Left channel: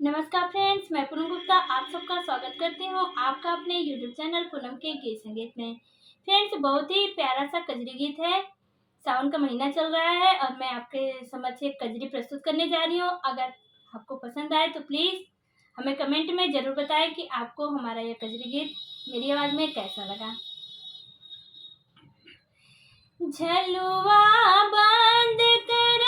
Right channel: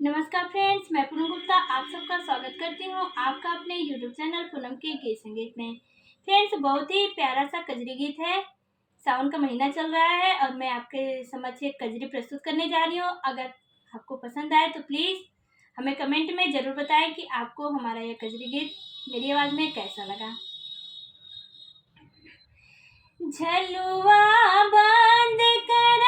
नमस्कार फ्रेंड्स, मैं पूनम गुप्ता आप सबका स्वागत करती हूँ आपका अपने यूट्यूब चैनल पूनम के गीत संगीत में। फ्रेंड्स, बहुत ही प्यारा सा कजरी गीत है। सावन का महीना चल रहा है और मैं आपके समक्ष एक कजरी प्रस्तुत करने जा रही हूँ। अगर आपको पसंद आए तो प्लीज़ हमें कमेंट में ज़रूर बताएं कि आपको हमारा यह कजरी गीत मेरी आवाज़ में कैसा लगा। झलुआ बंद कर